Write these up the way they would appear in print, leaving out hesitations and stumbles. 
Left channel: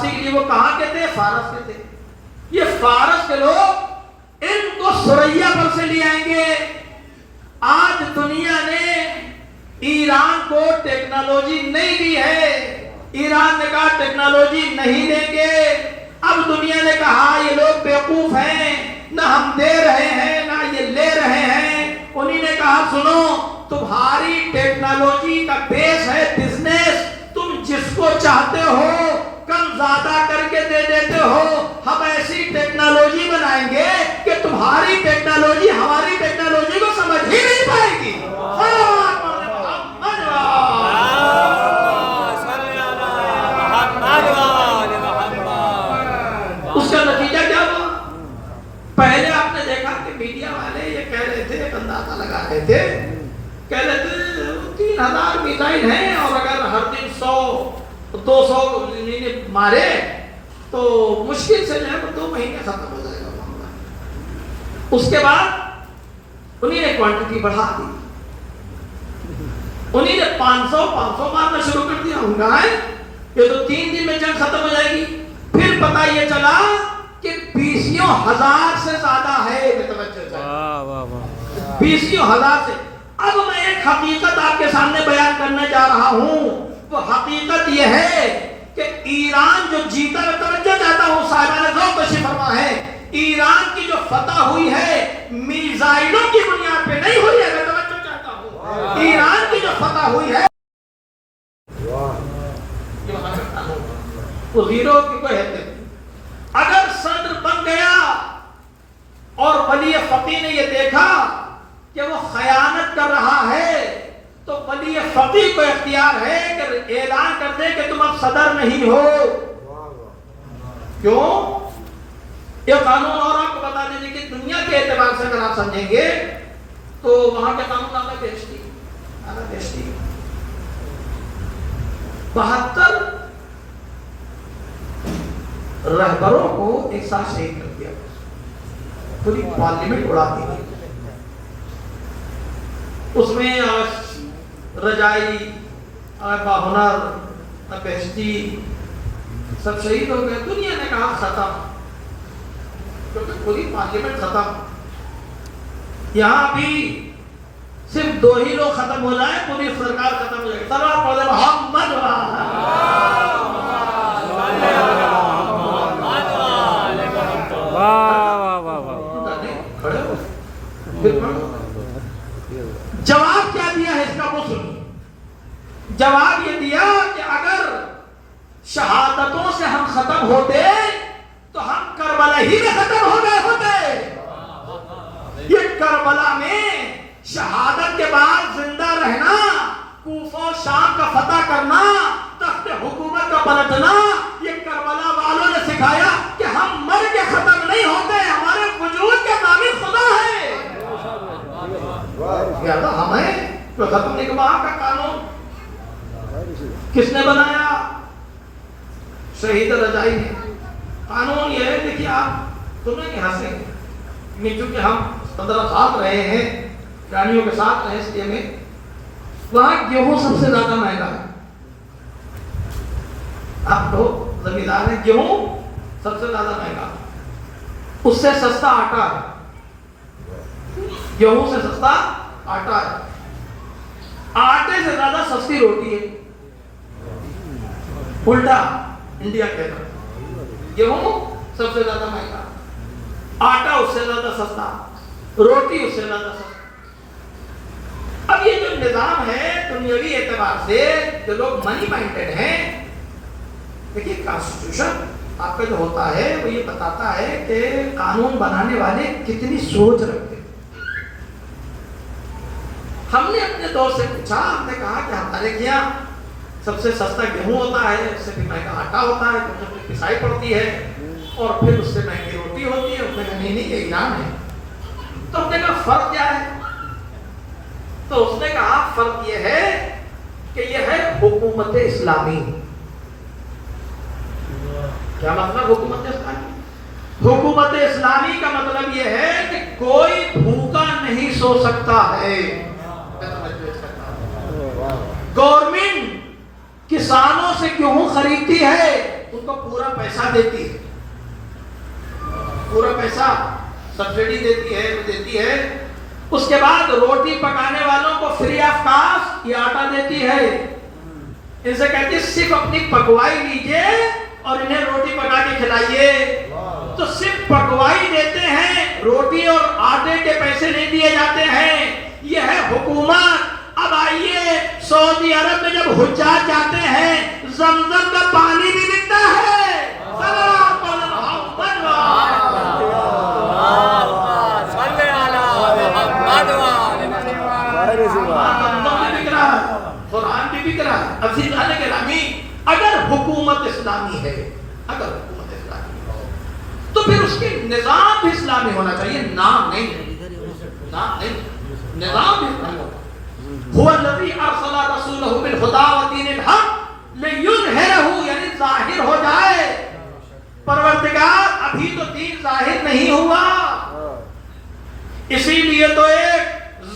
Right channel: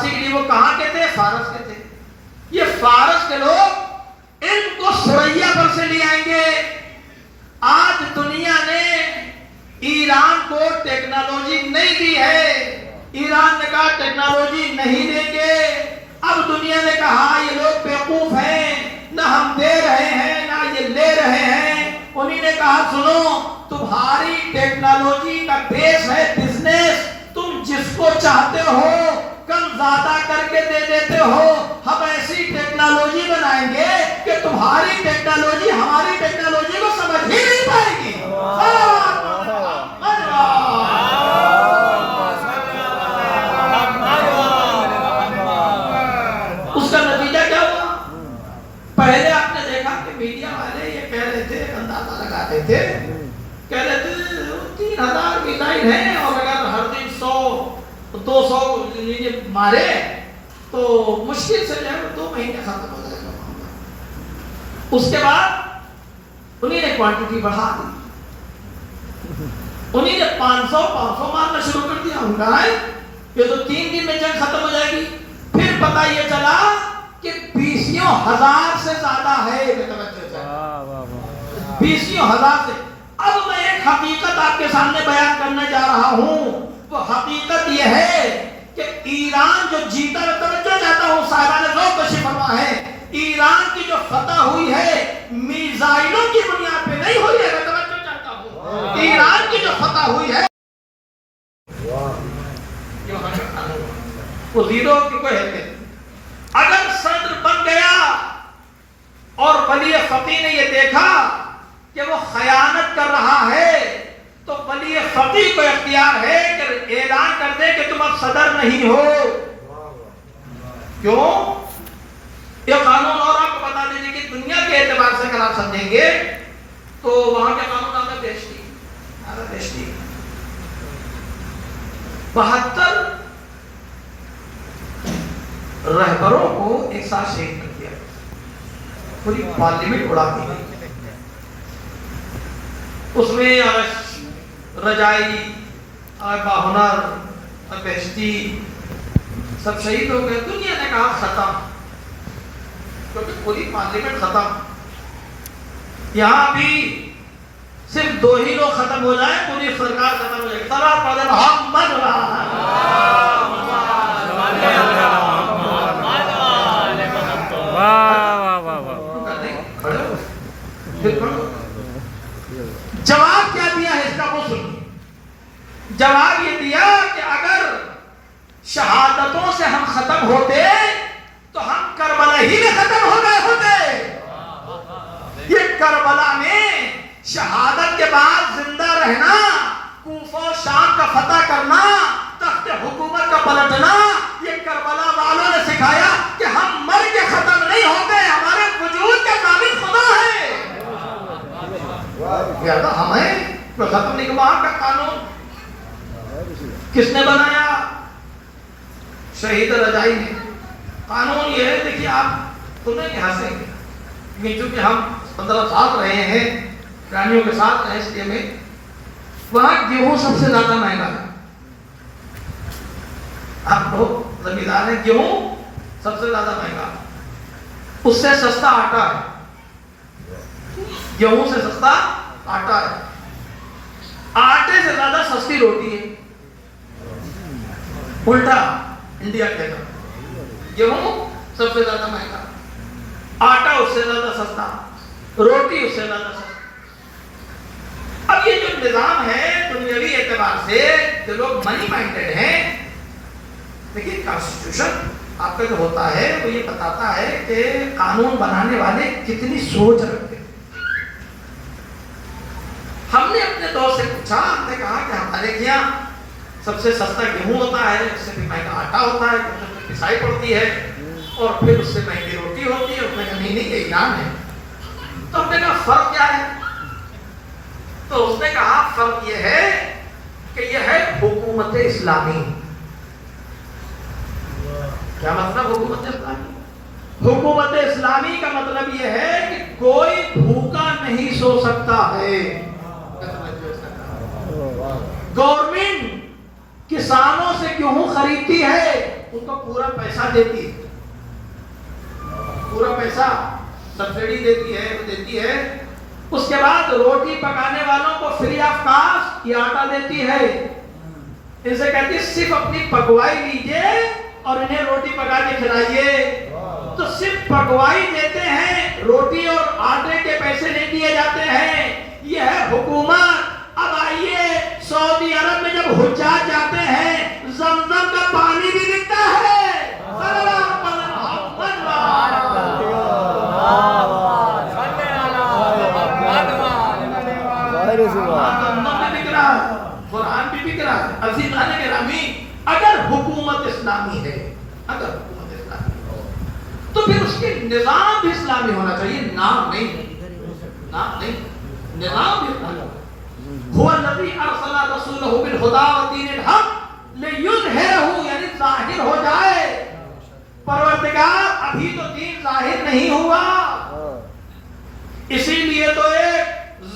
فارسی کے لیے، وہ کہاں کے تھے؟ فارس کے تھے. یہ فارس کے لوگ ان کو سریا پر سے لے آئیں گے. آج دنیا نے ایران کو ٹیکنالوجی نہیں دی ہے. ایران نے کہا ٹیکنالوجی نہیں دیں گے. اب دنیا نے کہا یہ لوگ بیوقوف ہیں، نہ ہم دے رہے ہیں نہ یہ لے رہے ہیں. انہی نے کہا سنو، تمہاری ٹیکنالوجی کا بیس ہے بزنس. تم جس کو چاہتے ہو کم زیادہ کر کے دے دیتے ہو. ہم ایسی ٹیکنالوجی بنائیں گے کہ تمہاری ٹیکنالوجی ہماری ٹیکنالوجی کو سمجھ ہی نہیں پائے گی. اس کا نتیجہ کیا ہوا؟ پہلے آپ نے دیکھا کہ میڈیا والے یہ کہہ رہے تھے، اندازہ لگا رہے تھے، کہہ رہے تھے 3000 میزائل ہیں اور اگر ہر دن 100-200 مارے تو مشکل سے جو ہے 2 مہینے ختم ہو جائے گا. اس کے بعد انہی نے کوانٹٹی بڑھا دی. انہی نے 500 مارنا شروع کر دیا. ہم کہا ہے یہ تو 3 دن میں جنگ ختم ہو جائے گی. پھر پتہ یہ چلا کہ 20,000 سے زیادہ ہے. 20,000 سے. اب میں ایک حقیقت آپ کے سامنے بیان کرنے جا رہا ہوں. وہ حقیقت یہ ہے کہ ایران جو جیتا ہے، توجہ چاہتا ہوں صاحبان ذوق تشریف فرما ہے، ایران کی جو فتح ہوئی ہے میزائلوں کی بنیاد پہ نہیں ہوئی ہے. میں توجہ چاہتا ہوں ایران کی جو فتح ہوئی ہے وہ زیرو کی کوئی حیثیت نہیں. اگر صدر بن گیا اور ولی فقیہ نے یہ دیکھا کہ وہ خیانت کر رہا ہے تو ولی فقیہ کو اختیار ہے کہ اعلان کر دے کہ تم اب صدر نہیں ہو. کیوں؟ یہ قانون اور آپ کو بتا دیجیے کہ دنیا کے اعتبار سے اگر آپ سمجھیں گے تو وہاں کے قانون آگا بیشتی 72 رہبروں کو ایک ساتھ شہید کر دیا. پوری پارلیمنٹ اڑا دی. اس میں رجائی، باہنر، بیشتی سب شہید ہو گئے. دنیا نے کہا ختم، کیونکہ پوری پارلیمنٹ ختم. یہاں بھی صرف 2 ہی لوگ ختم ہو جائیں پوری سرکار ختم ہو جائے. سلام پڑھ محمد جواب کیا دیا ہے اس کا وہ سنیے. جواب یہ دیا کہ اگر شہادتوں سے ہم ختم ہوتے تو ہم کربلا ہی میں ختم ہو گئے ہوتے. یہ کربلا میں شہادت کے بعد زندہ رہنا، کوفہ و شام کا فتح کرنا، تخت حکومت کا پلٹنا، یہ کربلا والوں نے سکھایا کہ ہم مر کے ختم نہیں ہوتے. ہمارے وجود کا ثابت خدا ہے. ہمیں جو ختم نہیں. وہاں کا قانون کس نے بنایا؟ شہید رجائی نے. قانون یہ ہے، دیکھیے آپ سنیں گے ہنسیں گے، چونکہ ہم 15 سال رہے ہیں رانیوں کے ساتھ رہے اس لیے میں. وہاں گیہوں سب سے زیادہ مہنگا ہے. آپ لوگ زمیندار ہیں، گیہوں سب سے زیادہ مہنگا، اس سے سستا آٹا ہے. گیہوں سے سستا آٹا ہے. آٹے سے زیادہ سستی روٹی ہے. الٹا انڈیا کے اندر گیہوں سب سے زیادہ مہنگا، آٹا اس سے زیادہ سستا، روٹی اس سے زیادہ سستا. اب یہ جو نظام ہے دنیاوی اعتبار سے، جو لوگ منی مائنڈڈ ہیں، دیکھیے کانسٹیٹیوشن آپ کا جو ہوتا ہے وہ یہ بتاتا ہے کہ قانون بنانے والے کتنی سوچ رکھتے ہیں. ہم نے اپنے دور سے پوچھا، ہم نے کہا کہ ہمارے یہاں سب سے سستا گیہوں ہوتا ہے، اس سے بھی مہنگا آٹا ہوتا ہے، پسائی پڑتی ہے، اور پھر اس سے مہنگی روٹی ہوتی ہے. اس نے کہا نہیں یہ ایران ہے. تو ہم نے کہا فرق کیا ہے؟ تو اس نے کہا فرق یہ ہے کہ یہ ہے حکومت اسلامی. کیا مطلب حکومت اسلامی؟ حکومت اسلامی کا مطلب یہ ہے کہ کوئی بھوکا نہیں سو سکتا ہے. گورنمنٹ کسانوں سے گیہوں خریدتی ہے، ان کو پورا پیسہ دیتی ہے، پورا پیسہ سبسڈی دیتی ہے. اس کے بعد روٹی پکانے والوں کو فری آف کاسٹ یہ آٹا دیتی ہے. ان سے کہتی ہے صرف اپنی پکوائی لیجئے اور انہیں روٹی پکا کے کھلائیے. تو صرف پکوائی دیتے ہیں، روٹی اور آٹے کے پیسے نہیں دیے جاتے ہیں. یہ ہے حکومت. اب آئیے سعودی عرب میں جب حجاج جاتے ہیں زمزم کا پانی بھی ملتا ہے. قرآن بھی بک رہا ہے. عزیزان گرامی، اگر حکومت اسلامی ہے، اگر حکومت اسلامی ہو تو پھر اس کے نظام بھی اسلامی ہونا چاہیے. نام نہیں، نظام بھی اسلامی ہونا. هو الذي ارسل رسوله بالهدى ودين الحق ليظهره، یعنی ظاہر ہو جائے. پروردگار ابھی تو دین ظاہر نہیں ہوا، اسی لیے تو ایک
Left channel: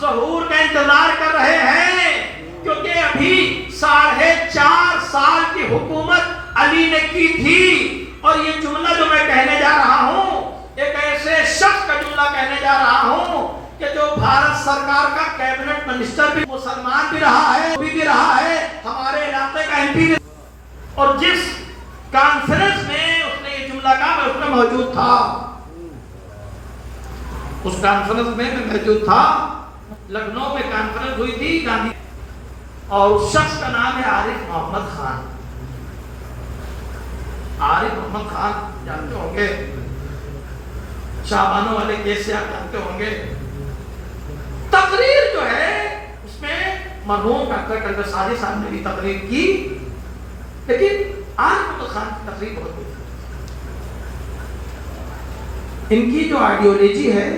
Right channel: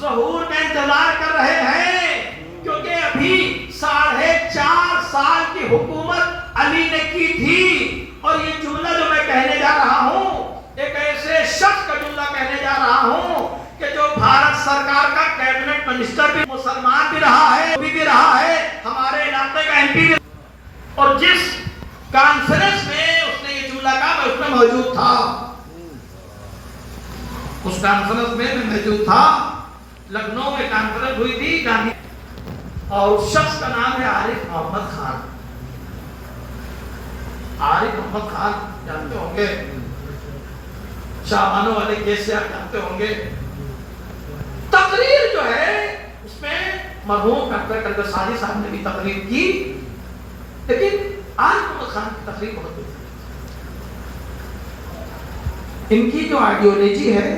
ظہور کا انتظار کر رہے ہیں، کیونکہ ابھی 4.5 سال کی حکومت علی نے کی تھی. اور یہ جملہ جو میں کہنے جا رہا ہوں ایک ایسے شخص کا جملہ کہنے جا رہا ہوں کہ جو بھارت سرکار کا کیبنٹ منسٹر بھی مسلمان بھی رہا ہے، بھی رہا ہے، ہمارے علاقے کا ایم پی بھی. اور جس کانفرنس میں اس نے یہ جملہ کہا میں اس میں موجود تھا. اس کانفرنس میں موجود تھا. لکھنؤ میں کانفرنس ہوئی تھی گاندھی، اور اس شخص کا نام ہے عارف محمد خان. عارف محمد خان جانتے ہوں گے، شاہبانوں والے کیس سے آپ جانتے ہوں گے. تقریر جو ہے اس میں مرحوم ڈاکٹر کلبر ساجد صاحب نے بھی تقریر کی، لیکن عارف محمد خان کی تقریر بہت ہوئی. ان کی جو آئیڈیالوجی ہے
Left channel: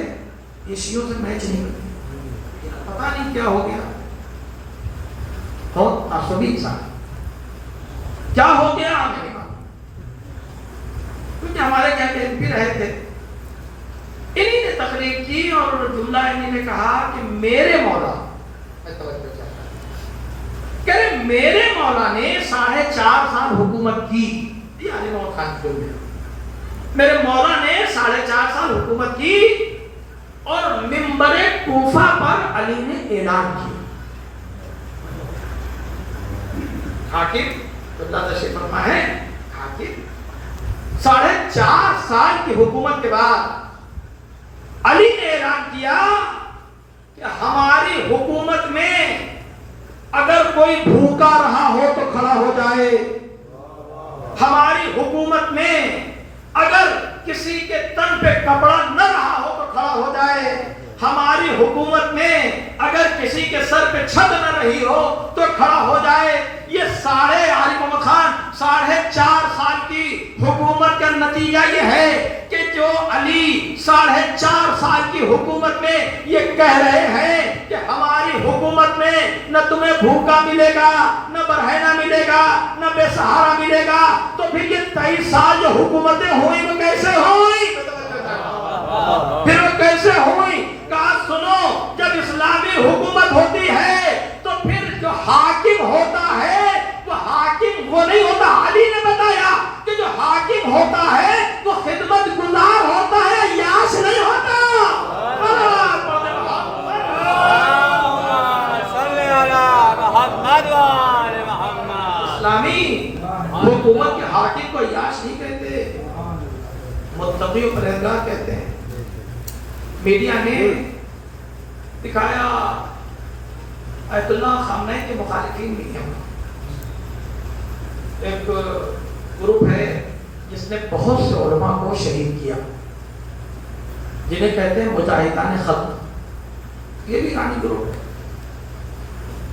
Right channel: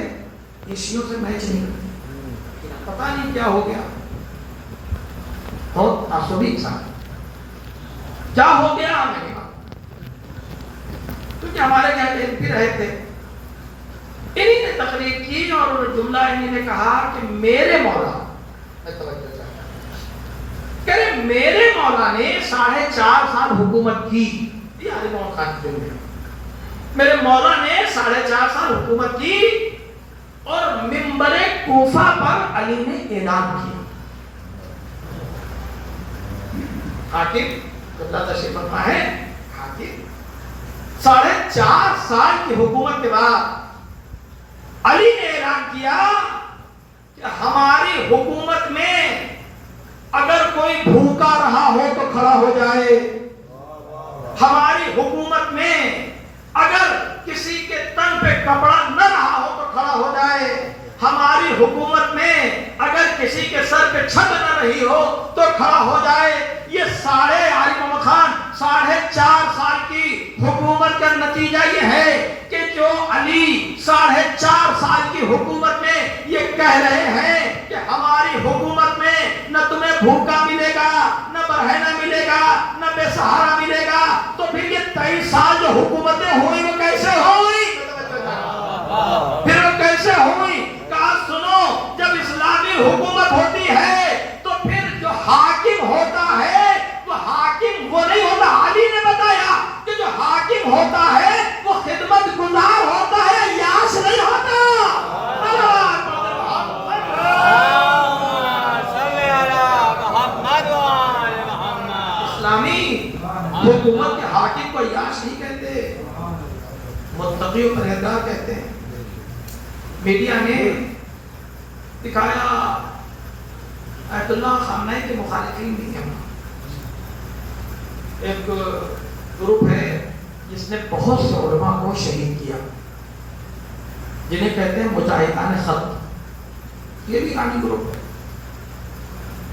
یہ شیعوں سے میچ نہیں کرتی. پتہ نہیں کیا ہو گیا، بہت تعصبی انسان کیا ہو گیا میں نے کہا، کیونکہ ہمارے یہاں کے ایم پی رہے تھے. انہی نے تقریر کی اور جملہ انہی نے کہا کہ میرے مولا، کہہ رہے میرے مولا نے 4.5 سال حکومت کی. یہ علی محمد خان کے ہوئے، میرے مولا نے 4.5 سال حکومت کی. اور منبر کوفہ پر علی نے اعلان کیا، حاکم اللہ تشریف فرما ہے، حاکم 4.5 سال کی حکومت کے بعد علی نے اعلان کیا کہ ہماری حکومت میں اگر کوئی بھوکا رہا ہو تو کھڑا ہو جائے. ہماری حکومت میں اگر کسی کے تن پہ کپڑا نہ رہا ہو تو کھڑا ہو جائے. ہماری حکومت میں اگر کسی کے سر پہ چھت نہ رہی ہو تو کھڑا ہو جائے. یہ عارف محمد خان 4.5 سال کی حکومت کا نتیجہ یہ ہے کہ جو علی 4.5 سال کی حکومت میں یہ کہہ رہے ہیں کہ ہماری حکومت میں نہ تمہیں بھوکا ملے گا، نہ برہنہ ملے گا، نہ بے سہارا ملے گا. تو پھر یہ 23 سال جو حکومتیں ہوئی وہ کیسے ہوئی؟ پھر وہ کیسے ہوئی؟ کہا سنو، جب اسلامی حکومت ہوتی ہے تو پھر جو حاکم ہوتا ہے وہ حاکم وہ نہیں ہوتا. علی نے بتایا کہ جو حاکم ہوتا ہے وہ خدمت گزار ہوتا ہے، یاس نہیں ہوتا. اسلامی حکومت کے حاکم کو یاس نہیں کہتے، متقی و پرہیزگار کہتے ہیں. میڈیا نے دکھایا آیت اللہ خامنہ کے مخالفین بھی ہیں. ایک گروپ ہے جس نے بہت سے علماء کو شہید کیا، جنہیں کہتے ہیں مجاہدان خط. یہ بھی ایرانی گروپ ہے.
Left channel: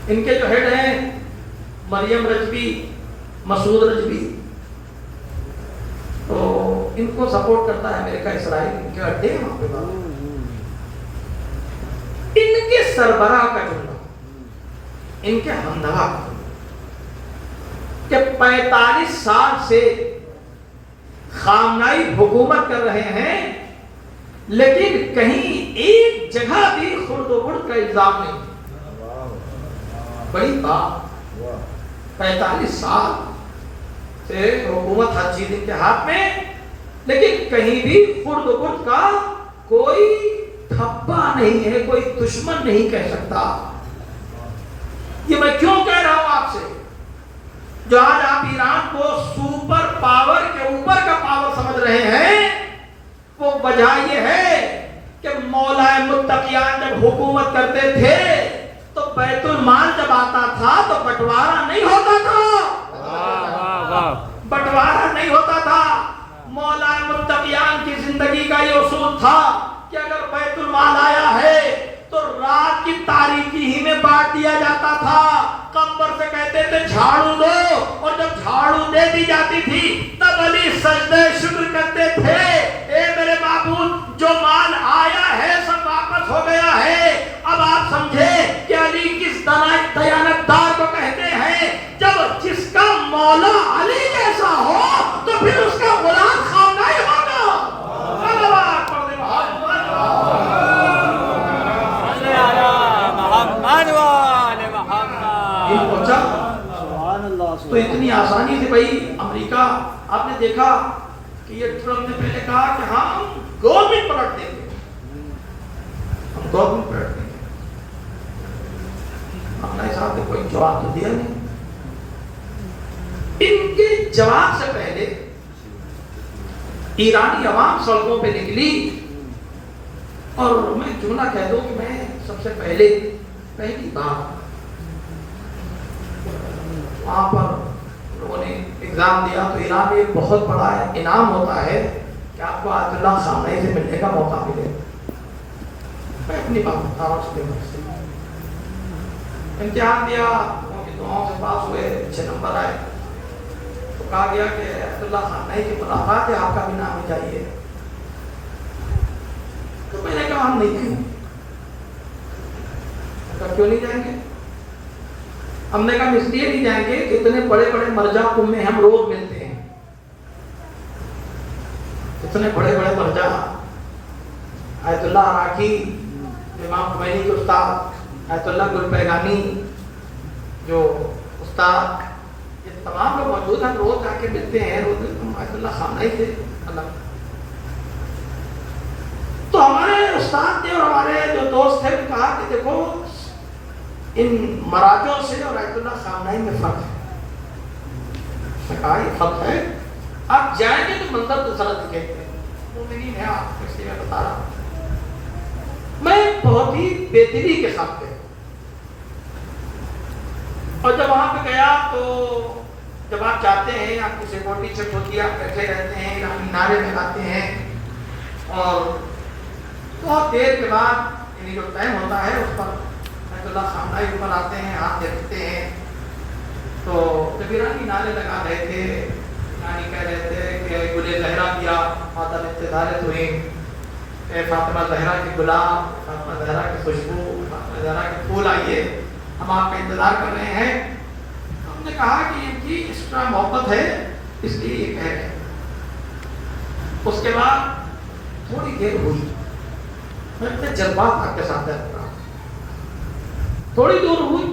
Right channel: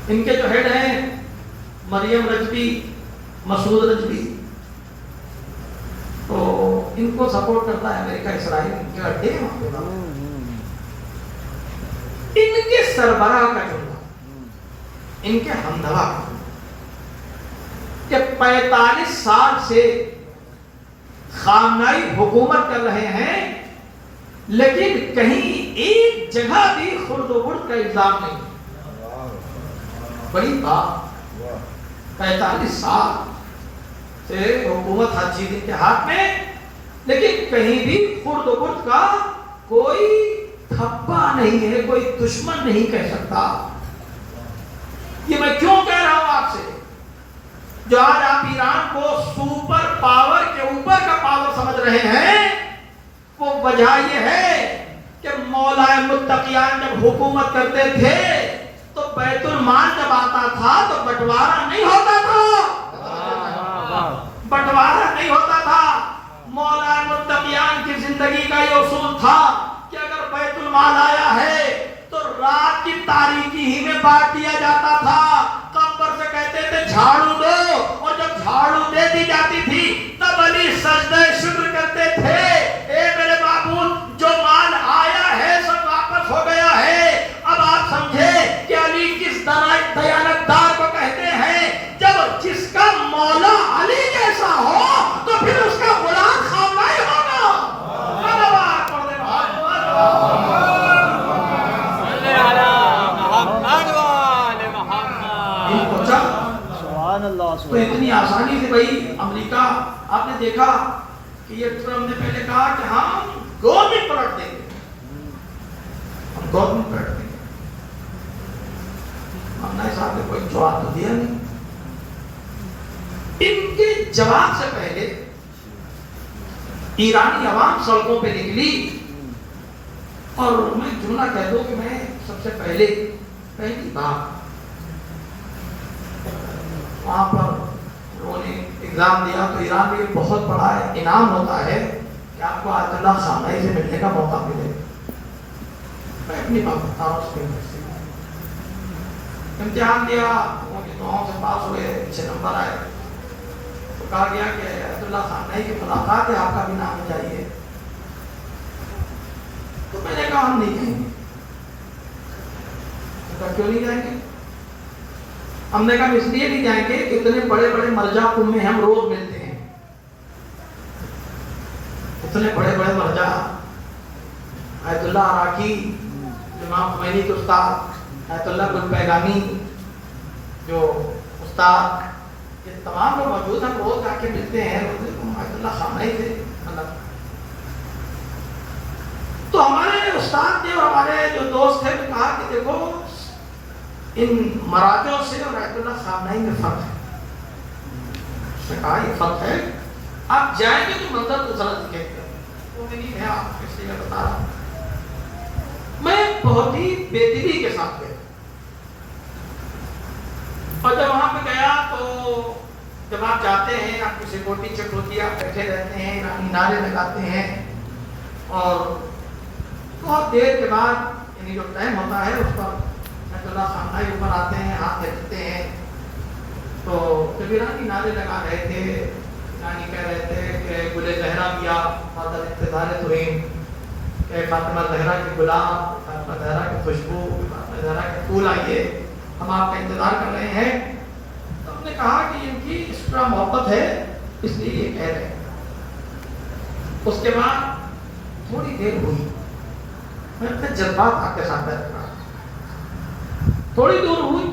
ان کے جو ہیڈ ہیں مریم رجبی، مسعود رجبی، تو ان کو سپورٹ کرتا ہے امریکہ، اسرائیل. ان کے اڈے ہیں وہاں پہ. ان کے سربراہ کا جملہ، ان کے ہمنوا کا جملہ کہ 45 سال سے خامنائی حکومت کر رہے ہیں لیکن کہیں ایک جگہ بھی خرد و برد کا الزام نہیں. بڑی بات، 45 سال سے حکومت ہر چیز ان کے ہاتھ میں، لیکن کہیں بھی خرد و برد کا کوئی دھبا نہیں ہے، کوئی دشمن نہیں کہہ سکتا۔ یہ میں کیوں کہہ رہا ہوں آپ سے؟ جو آج آپ ایران کو سپر پاور کے اوپر کا پاور سمجھ رہے ہیں، وہ وجہ یہ ہے کہ مولا متقیان جب حکومت کرتے تھے تو بیت المال جب آتا تھا تو بٹوارا نہیں ہوتا تھا، بٹوارا نہیں ہوتا تھا۔ مولا متقیان کی زندگی کا یہ اصول تھا کہ اگر بیت المال آیا ہے تو رات کی تاریکی ہی میں بانٹ دیا جاتا تھا۔ قبر سے کہتے تھے جھاڑو دو، اور جب جھاڑو دے دی جاتی تھی تب علی سجدہ شکر کرتے تھے، اے میرے معبود جو مال آیا ہے سب واپس ہو گیا ہے۔ اب آپ سمجھے کہ علی کس دیانتدار کو کہتے ہیں؟ جب جس کا مولا علی جیسا ہو تو پھر اس کا غلام خامنہ ہی ہوگا۔ تو اتنی آسانی سے بھائی امریکہ، آپ نے دیکھا کہ یہ ٹرمپ نے پہلے کہا کہ ہم گورنمنٹ پلٹ دیں گے، ہم گورنمنٹ پلٹ دیں گے۔ اپنا حساب نے کوئی جواب تو دیا نہیں۔ ان کے جواب سے پہلے ایرانی عوام سڑکوں پہ نکلی، اور میں جملہ کہہ دوں کہ میں سب سے پہلی بار وہاں پر لوگوں نے ایگزام دیا تو ایران میں ایک بہت بڑا انعام ہوتا ہے کہ آپ کو آیت اللہ خامنہ سے ملنے کا موقع ملے۔ میں اپنی بات بتا رہا ہوں، امتحان دیا، دعاؤں سے پاس ہوئے، اچھے نمبر آئے تو کہا گیا کہ آیت اللہ خامنہ کی ملاقات ہے، آپ کا بھی نام چاہیے۔ تو میں نے کہا ہم نہیں جائیں گے۔ کیوں نہیں جائیں گے؟ ہم نے کہا اس لیے نہیں جائیں گے کہ اتنے بڑے بڑے مرجع قوم میں ہم روز ملتے ہیں، اتنے بڑے بڑے مرجع آیت اللہ عراقی، امام خمینی کے استاد آیت اللہ گل پیغامی جو استاد، یہ تمام لوگ موجود ہیں، روز آ کے ملتے ہیں، روز آیت اللہ خامنہ تھے مطلب۔ تو ہمارے استاد نے اور ہمارے جو دوست تھے نے کہا کہ دیکھو ان مراجعوں سے اور آیت اللہ خامنہ میں فرق ہے۔ اس نے کہا یہ فرق ہے، آپ جائیں گے تو منظر تو ذرا دکھیں گے، وہ نہیں ہے، آپ اس لیے بتا رہا ہوں۔ میں بہت ہی بے دلی کے ساتھ گیا، اور جب وہاں پہ گیا تو جب آپ جاتے ہیں آپ کی سیکورٹی چیک ہوتی ہے، آپ بیٹھے رہتے ہیں، ایرانی نعرے لگاتے ہیں، اور بہت دیر کے بعد یعنی جو ٹائم ہوتا ہے اس پر اللہ خامنہ اوپر آتے ہیں، ہاتھ دیکھتے ہیں۔ تو جب ایرانی نعرے لگا رہے تھے، ایرانی کہہ رہے تھے کہ گلے زہرا کیا مادر انتظارت ہوئے، کہ فاطمہ زہرا کی گلاب، فاطمہ زہرا کی خوشبو، فاطمہ زہرا کے پھول آئیے، ہم آپ کا انتظار کر رہے ہیں۔ ہم نے کہا کہ ان کی اس طرح محبت ہے اس لیے یہ کہہ رہے ہیں۔ اس کے بعد تھوڑی دیر ہوئی، میں اپنے جذبات آپ کے ساتھ رکھا، تھوڑی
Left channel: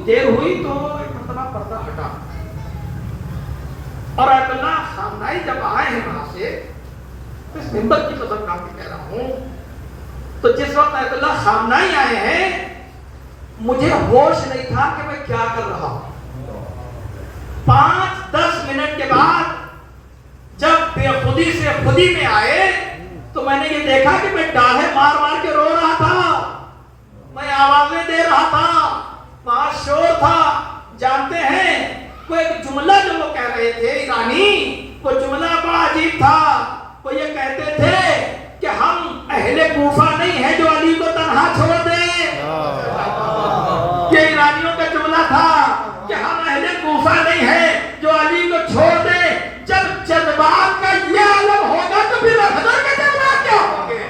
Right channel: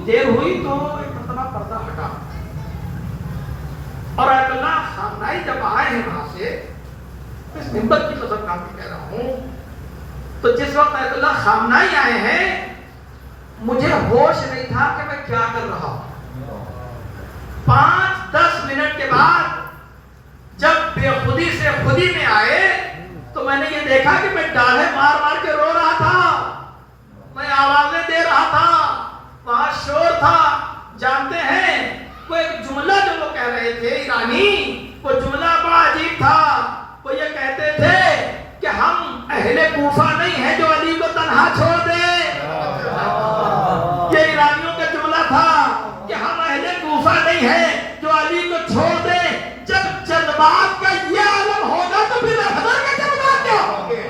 دیر ہوئی تو ایک مرتبہ پردہ ہٹا، اور آیت اللہ خامنہ جب آئے ہیں وہاں سے، اس منبر کی قسم کھا کے کہہ رہا ہوں، تو جس وقت آیت اللہ خامنہ آئے ہیں مجھے ہوش نہیں تھا کہ میں کیا کر رہا ہوں۔ 5-10 منٹ کے بعد جب بے خودی سے خودی میں آئے تو میں نے یہ دیکھا کہ میں ڈالے مار مار کے رو رہا تھا، میں آوازیں دے رہا تھا، وہاں شور تھا۔ جانتے ہیں وہ ایک جملہ جو وہ کہہ رہے تھے ایرانی، وہ جملہ بڑا عجیب تھا۔ وہ یہ کہتے تھے کہ ہم اہل کوفہ نہیں ہیں جو علی کو تنہا چھوڑ دیں۔ یہ ایرانیوں کا جملہ تھا کہ ہم اہل کوفہ نہیں ہیں جو علی کو چھوڑ دیں۔ جب جذبات کا یہ عالم ہوگا تو پھر حضرت کے جذبات کیا ہوں گے؟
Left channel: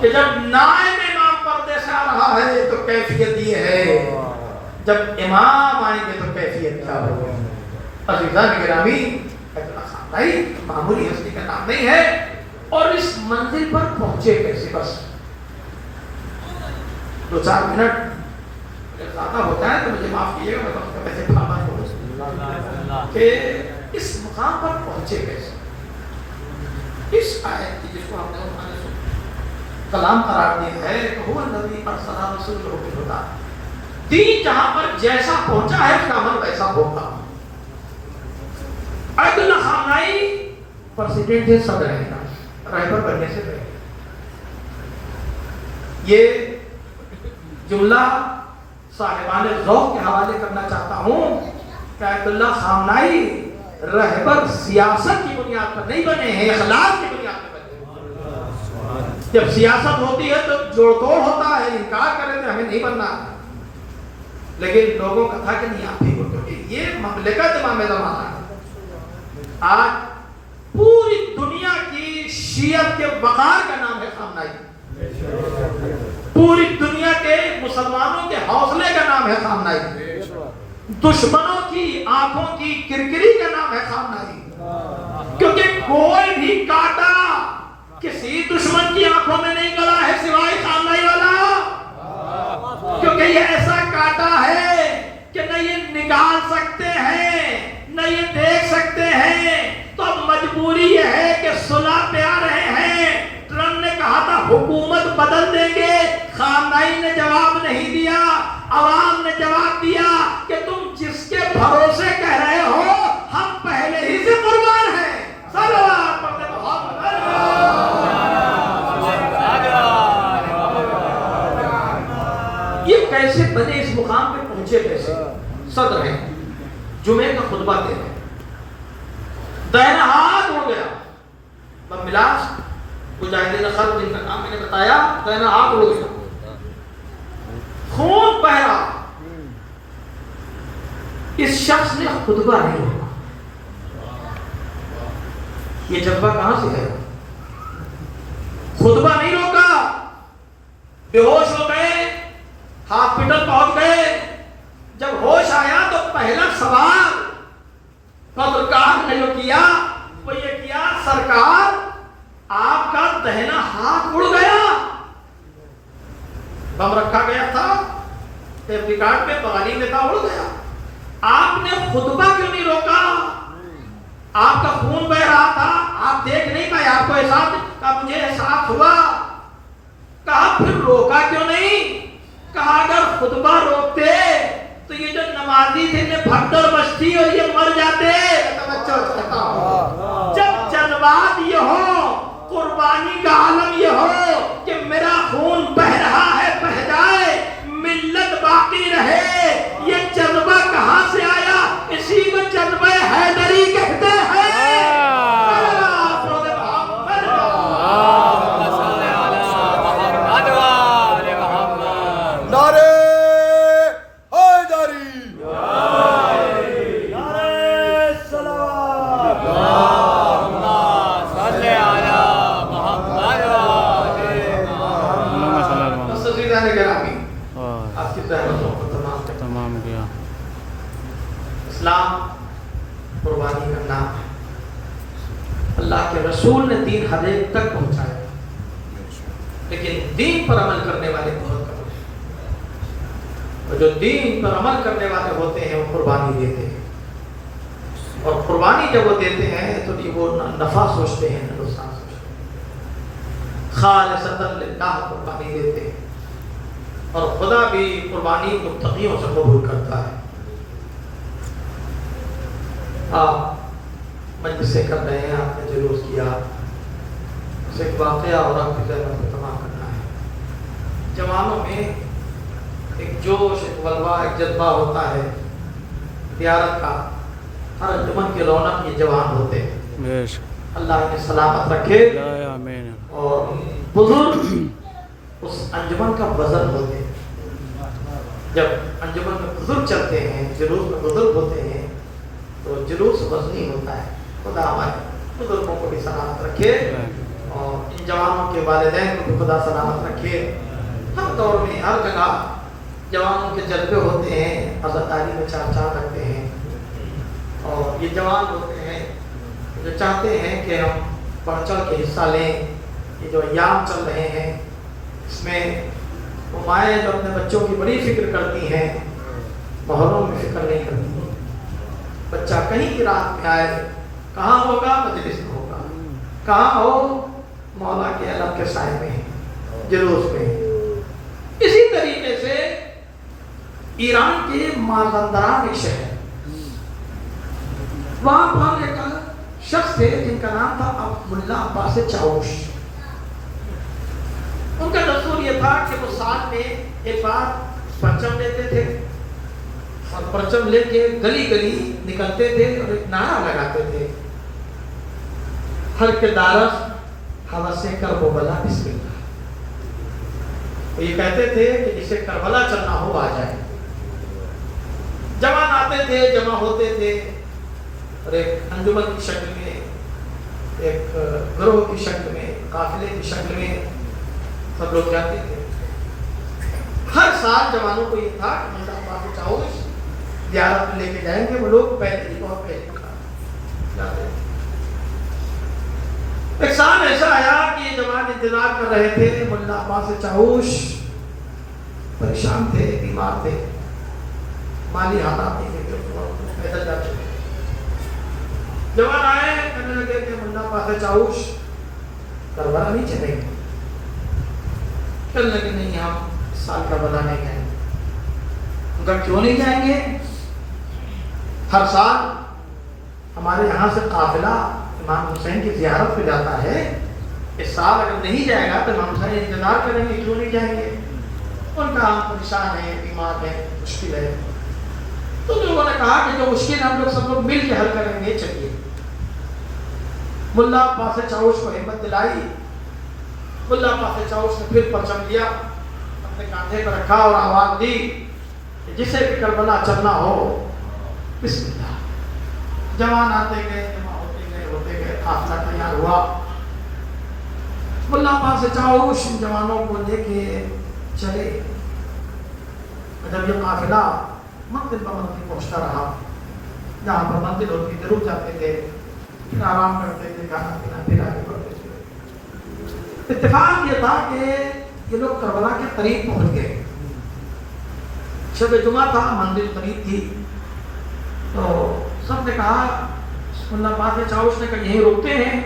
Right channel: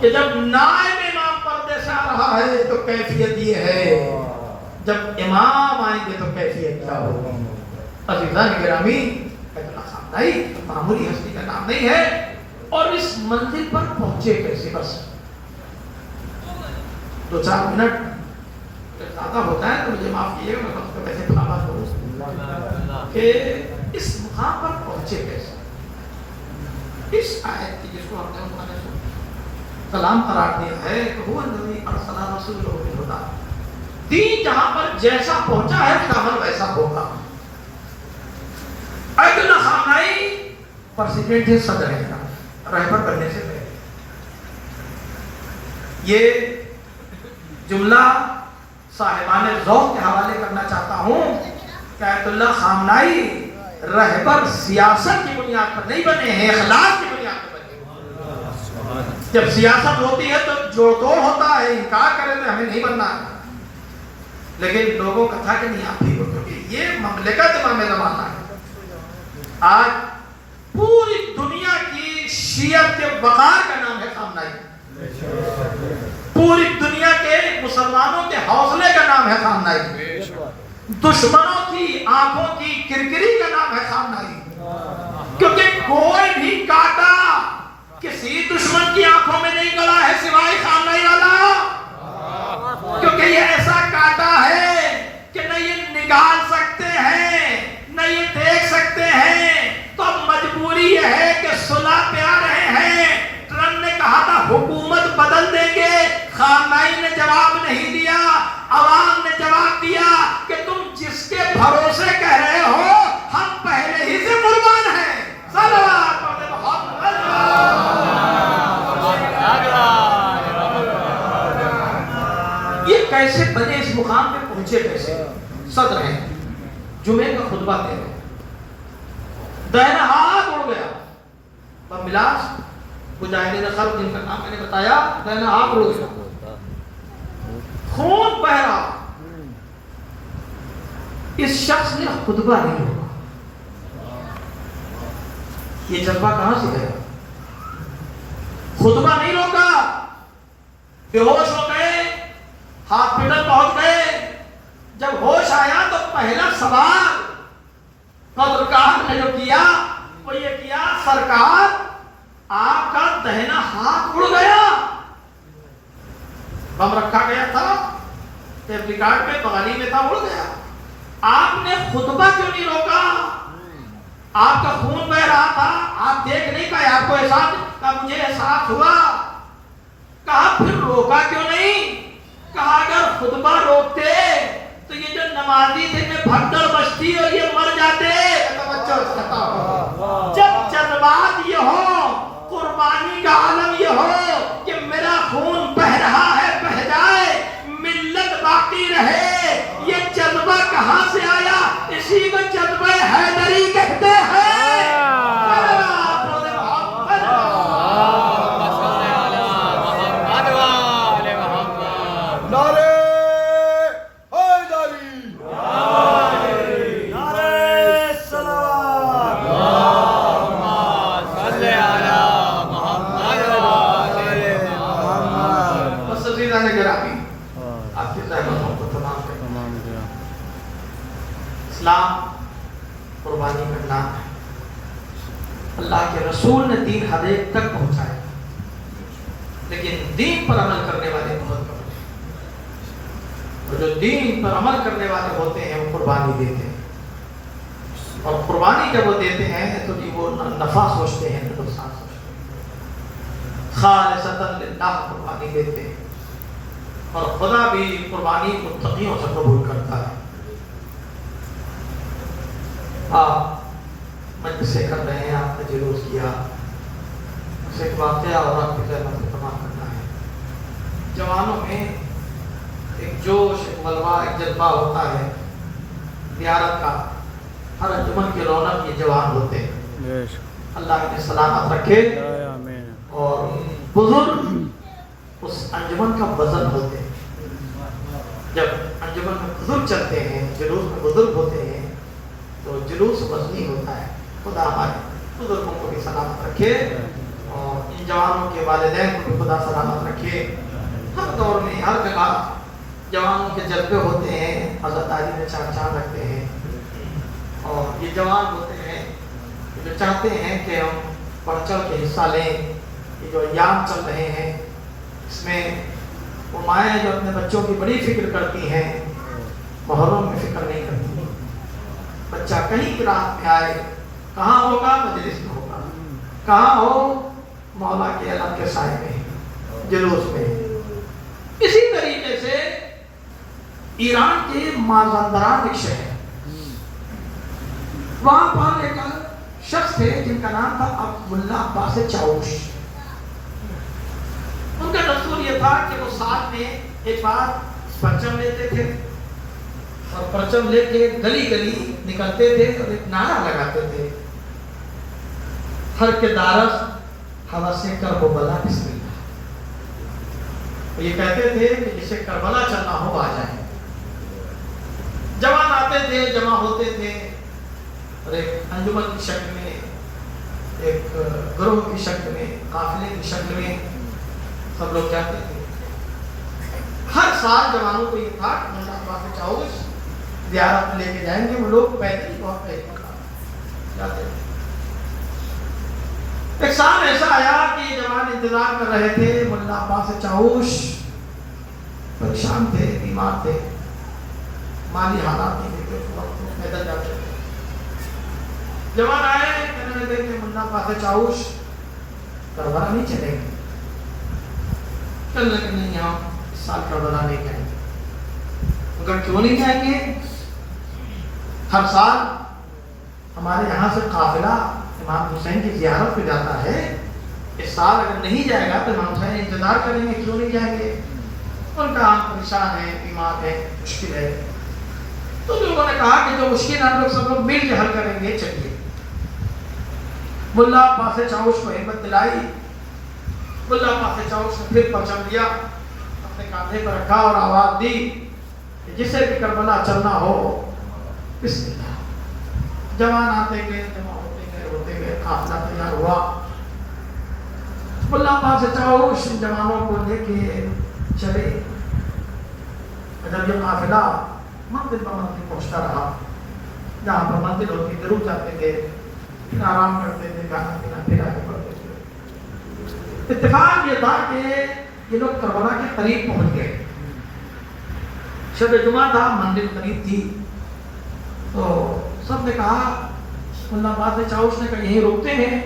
کہ جب نائب امام پردے سے آ رہا ہے تو کیفیت یہ ہے، جب امام آئیں گے تو کیفیت کیا ہوگا؟ عزیزان گرامی، نہیں معمولی ہستی کا نام نہیں ہے۔ اور اس منزل پر پہنچے کیسے؟ بس 2-4 منٹ اگر زیادہ ہوتا ہے تو مجھے معاف کیجیے گا، میں وقت کا ویسے پابند ہوں کہ اس مقام پر پہنچے کیسے. اس آیت کی جس کو ہم نے کلام قرار دیا ہے کہ وہ نبی ارسل رسولہ بالہدیٰ، دین جہاں پر جیسا پہنچا ہے اس کا عمل ویسا ہوگا. عدل خامنائی پریزیڈنٹ ہے، صدر ہے، رہبر بننے سے پہلے یہ جملہ صاحبان ذوق کے حوالے کرنا چاہتا ہوں کہ آیت اللہ خامنائی رہبر سیاست کی بنیاد پر نہیں بنے ہیں، اخلاق کی بنیاد پر بنے ہیں. جب سیاست ہوتی ہے تو جوڑ توڑ ہوتا ہے، انکار کریں تو ہمیں نہیں بننا، لیکن لوگوں کا تھا کہ نہیں آپ ہی ہو، کیونکہ یہ مملکت امام زمانہ ہے. آج پوری دنیا کی شیعت کے وقار کا نام ہے خامنائی، پوری دنیا کے مسلمانوں کے حوصلے کا نام ہے خامنائی، دشمنوں کی آنکھوں کی کرکری کا نام ہے خامنائی. کیونکہ کوئی بھی کاٹا کسی دشمن کی آنکھوں میں نہیں گلا ہے سوائے خامنائی والا، کیونکہ یہ ایسا کاٹا ہے کہ نہ یہ نکال سکتے ہیں نہ یہ دیکھ سکتے ہیں. تو مجبوری یہ ہے کہ صلح پہ آ رہے ہیں. ٹرمپ نے کہا تھا حکومت بدل دیں گے، خامنائی نے جواب نہیں دیا، عوام نے جواب دیا کہ تم جس کے بھروسے کہہ رہے ہو ہم پہلے ہی سے قربان ہیں. یہ کیسے بنے، اس مقام پہ پہنچے کیسے؟ صدر ہیں، جمعے کا خطبہ دے رہے، دائنا ہاتھ اڑ گیا. ملاس مجاہدین خلق جن کا نام میں نے بتایا، دائنا ہاتھ اڑ گیا، خون بہ رہا. اس شخص نے خطبہ نہیں روکا. یہ جذبہ کہاں سے ہے؟ خطبہ نہیں روکا، بے ہوش ہو گئے، ہاسپٹل پہنچ گئے. جب ہوش آیا تو پہلا سوال پترکار نے جو کیا وہ یہ کیا، سرکار آپ کا دہنا ہاتھ اڑ گیا. بم رکھا گیا تھا ٹیپ ریکارڈ پہ، بغلی میں تھا، اڑ گیا. آپ نے خطبہ کیوں نہیں روکا؟ آپ کا خون بہ رہا تھا، آپ دیکھ نہیں پائے، آپ کو احساس کا مجھے احساس ہوا. کہا پھر روکا کیوں نہیں؟ کہا اگر خطبہ روکتے تو یہ جو نمازی تھے میں بھگدڑ مچتی اور یہ مر جاتے. جب جذبات یہ ہو، قربانی کا عالم یہ ہو کہ میرا خون بہ رہا ہے، بہ جائے، ملت باقی رہے، یہ جذبہ کہاں سے آیا؟ اسی کو جذبہ حیدری کہتے ہیں. اسلام قربانی کا نام ہے. اللہ کے رسول نے دین حد تک پہنچایا، لیکن دین پر عمل کرنے والے بہت کم ہیں. جو دین پر عمل کرنے والے ہوتے ہیں وہ قربانی دیتے ہیں، اور قربانی جب وہ دیتے ہیں تو وہ نفع سوچتے ہیں، نہ نقصان سوچتے ہیں. خالصۃ للہ قربانی دیتے ہیں، اور خدا بھی قربانی متقیوں سے قبول کرتا ہے. مجلسیں کر رہے ہیں، آپ نے جلوس کیا، اسے ایک واقعہ اور آپ کی خدمت میں تمام کرنا ہے. جوانوں میں ایک جوش، ایک ولوا، ایک جذبہ ہوتا ہے زیارت کا. ہر انجمن کے رونق یہ جوان ہوتے ہیں. اللہ انہیں سلامت رکھے، اور بزرگ اس انجمن کا وزن ہوتے ہیں. جب انجمن میں بزرگ چلتے ہیں، جلوس میں بزرگ ہوتے ہیں تو جلوس وزنی ہوتا ہے. خدا ہمارے بزرگوں کو بھی سلامت رکھے، اور ان جوانوں کے والدین کو بھی خدا سلامت رکھے. ہر دور میں ہر جگہ جوانوں کے جذبے ہوتے ہیں، عزاداری میں چار چار رکھتے ہیں، اور یہ جوان ہوتے ہیں جو چاہتے ہیں کہ ہم بڑھ چڑھ کے حصہ لیں. یہ جو ایام چل رہے ہیں اس میں وہ مائیں جو اپنے بچوں کی بڑی فکر کرتی ہیں محرم میں فکر نہیں کرتی. بچہ کہیں کی رات میں آئے, کہاں ہوگا؟ مجلس میں ہوگا. کہاں ہو؟ مولا کے علم کے سائے میں, جلوس میں. اسی طریقے سے ایران کے مازندران ایک شہر, وہاں پر ایک شخص تھے جن کا نام تھا ملا عباس چاوش. ان کا دستور یہ تھا کہ وہ ساتھ میں ایک بار پرچم لیتے تھے اور پرچم لے کے گلی گلی نکلتے تھے اور ایک نعرہ لگاتے تھے, ہر کے دارس حوث کربلا بسم اللہ. وہ یہ کہتے تھے کہ جسے کربلا چلنا ہو آ جائے. جوان آتے تھے, جمع ہوتے تھے اور ایک انجمن کی شکل میں, ایک گروہ کی شکل میں, قافلے کی شکل میں سب لوگ جاتے تھے. ہر سال جوانوں کو یہ تھا کہ ملا عباس چاوش زیارت میں لے کے جائیں گے. وہ لوگ پیدل ہی بہت پیدل جاتے تھے. ایک سال ایسا آیا کہ جوان انتظار کر رہے تھے. ملا عباس چاوش پریشان تھے, بیمار تھے, مالی حالات نہیں تھے, پیدل جاتے تھے. جوان آئے, کہنے لگے کہ ملا عباس چاوش کربلا نہیں چلیں گے. کہنے لگے نہیں, ہم اس سال کربلا نہیں جائیں گے. ان کا کیوں نہیں جائیں گے؟ ہر سال ہمارے یہاں سے قافلہ امام حسین کی زیارت پہ جاتا ہے. اس سال اگر نہیں جائے گا تو امام حسین انتظار کریں گے, کیوں نہیں جائیں گے؟ ان کا پریشان ہے, بیمار ہے, مشکل ہے. تو لوگوں نے کہا کہ جو مشکل ہم لوگ سب لوگ مل کے حل کریں گے, چلیے. ملا عباس چاوش کو ہمت دلائی. ملا عباس چاوش نے پھر پرچم دیا, اپنے کاندھے پر رکھا اور آواز دی کہ جسے بھی کربلا چلنا ہو بسم اللہ. جوان آتے گئے, جمع ہوتے گئے, قافلہ تیار ہوا. ملا عباس چاوش جوانوں کو لے کے چلے. جب یہ قافلہ منزل پر منزل پہنچتا رہا, جہاں پر منزل ہوتی تھی رک جاتے تھے, آرام کرتے تھے, کھانا پینا پھر آگے بڑھتے تھے. اتفاق یہ تھا کہ یہ لوگ کربلا کے قریب پہنچ گئے. شب جمعہ تھا, منزل قریب تھی. تو سب نے کہا, ملا عباس چاوش نے کہا یہیں رکتے ہیں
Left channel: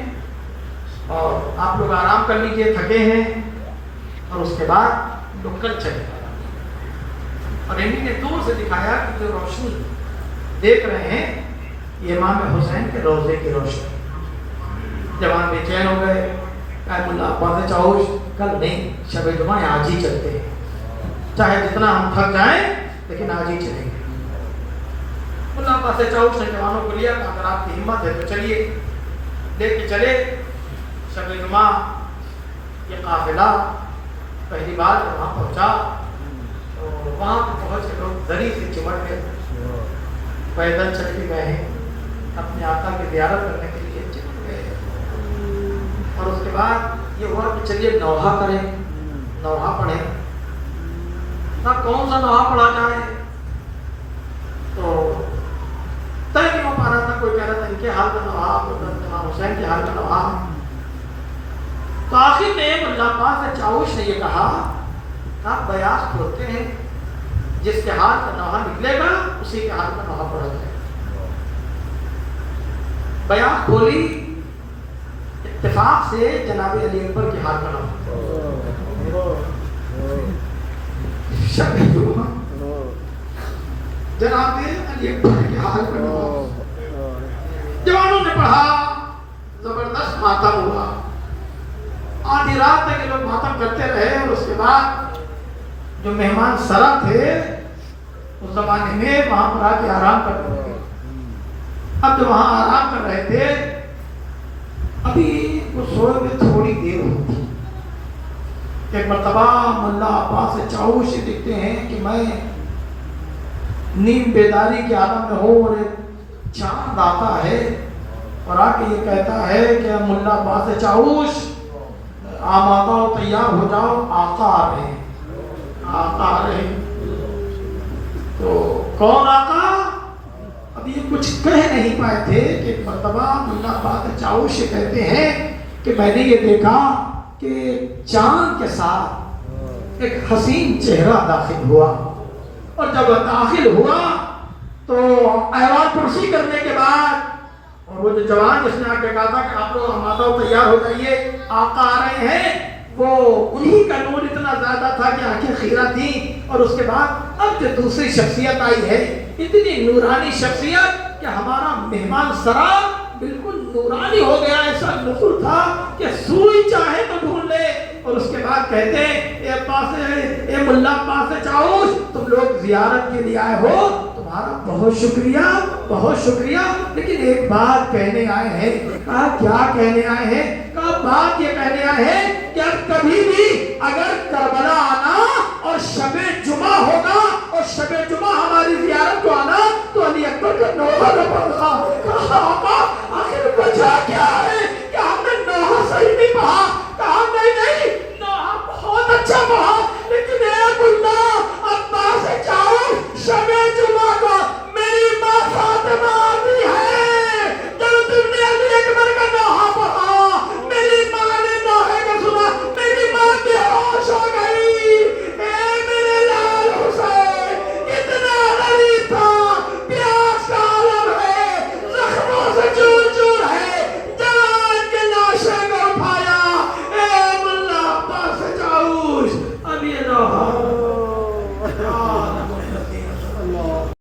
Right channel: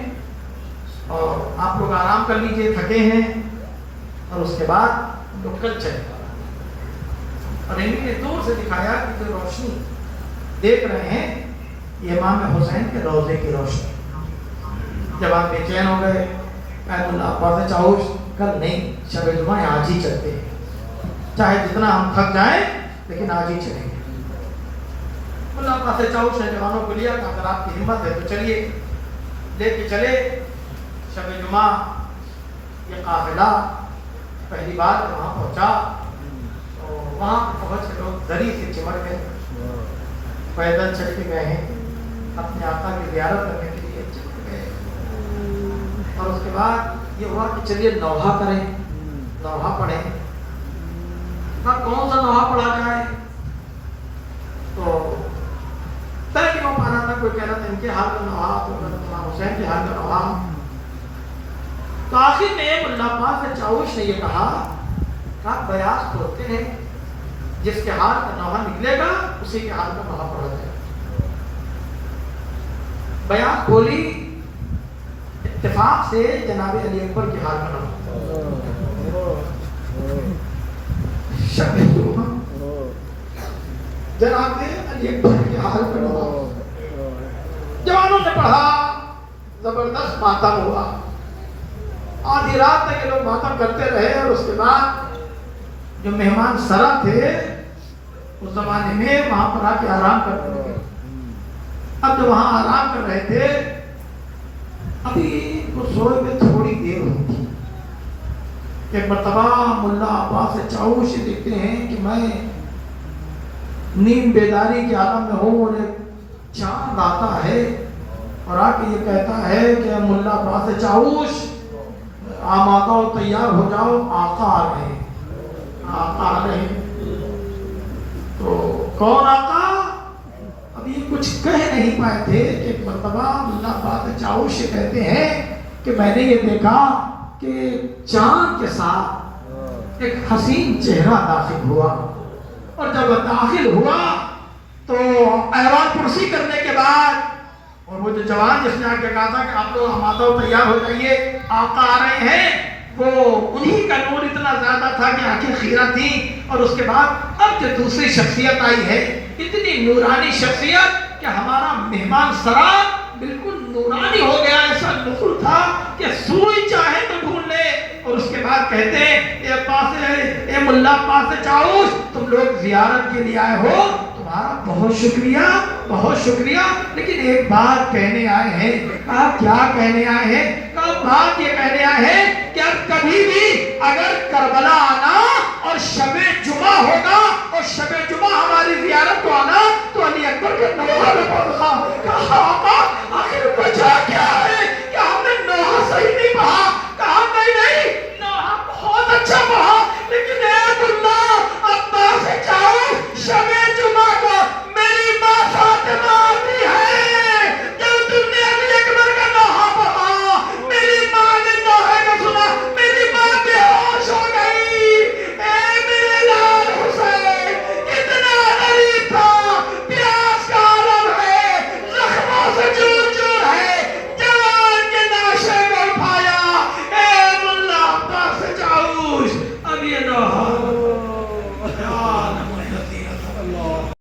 اور آپ لوگ آرام کر لیجئے, تھکے ہیں, اور اس کے بعد لوگ کل چلے. اور انہیں نے دور سے دکھایا کہ جو روشنی دیکھ رہے ہیں یہ امام حسین کے روضے کی روشنی. جوان بے چین ہو گئے. کہا ملا عباس چاوش کل نہیں, شب جمعہ آج ہی چلتے ہیں, چاہے جتنا ہم تھک جائیں لیکن آج ہی چلیں گے. ملا عباس چاوش نے جوانوں کو لیا, کہا اگر آپ کی ہمت ہے تو چلیے. لے کے چلے. شب جمعہ یہ قافلہ پہلی بار وہاں پہنچا. وہاں پہنچ کے لوگ دری سے چمٹ گئے, پیدل چل کے گئے ہیں, اپنے آقا کی زیارت کرنے کے لیے چل گئے. اور اس کے بعد یہ ہوا کہ چلیے نوحہ کریں, نوحہ پڑھیں. کون سا نوحہ پڑھا جائے؟ تو طے نہیں ہو پا رہا تھا. کوئی کہہ رہا تھا ان کے حال کا نوحہ, کوئی امام حسین کے حال کا نوحہ. تو آخر میں ملا عباس چاوش نے یہ کہا کہ بیاس کھولتے ہیں, جس کے ہاتھ کا نوحہ نکلے گا اسی کے ہاتھ کا نوحہ پڑا جائے. بیعت کھولی. اتفاق سے جناب علی اکبر کے ہاتھ کا نوحہ, شب جمعہ جناب علی اکبر کے ہاتھ کا نوحہ. جوانوں نے پڑھا, زبردست ماتم ہوا. آدھی رات تک لوگ ماتم کرتے رہے. اور اس کے بعد جو مہمان سرا تھے اس زمانے میں وہاں پر آ کے آرام کرتے تھے. اب جو وہاں آرام کر رہے تھے, ابھی وہ سوئے میں تھوڑی دیر ہوتی. ایک مرتبہ ملا عباس چاوش دیکھتے ہیں کہ میں نیم بیداری کے عالم میں ہوں اور ایک چاند آتا ہے اور آ کے یہ کہتا ہے کہ ملا عباس چاوش آمادہ و تیار ہو جاؤ, آقا آ رہے ہیں, آقا آ رہے ہیں. تو کون آقا؟ اب یہ کچھ کہہ نہیں پائے تھے کہ ایک مرتبہ ملا عباس چاوش کہتے ہیں کہ میں نے یہ دیکھا کہ چاند کے ساتھ ایک حسین چہرہ داخل ہوا، اور جب داخل ہوا تو ایوان پرسی کرنے کے بعد، اور وہ جو جوان جس نے آ کے کہا تھا کہ آپ لوگ آمادہ ہو، تیار ہو جائیے، آقا آ رہے ہیں، وہ انہی کا نور اتنا زیادہ تھا کہ آنکھیں خیرہ تھیں. اور اس کے بعد اب جو دوسری شخصیت آئی ہے، اتنی نورانی شخصیت کہ ہمارا مہمان سرا بالکل نورانی ہو گیا، ایسا نور تھا کہ سوئی چاہے تو ڈھونڈ لے. اور اس کے بعد کہتے ہیں اے ملا پاس چاؤس، تم لوگ زیارت کے لیے آئے ہو، تمہارا بہت شکریہ، بہت شکریہ، لیکن ایک بات کہنے آئے ہیں. کہا کیا کہنے آئے ہیں؟ کہا بات یہ کہنے آئے ہیں کہ اب کبھی بھی اگر کربلا آنا اور شب جمعہ ہوگا اور شب جمعہ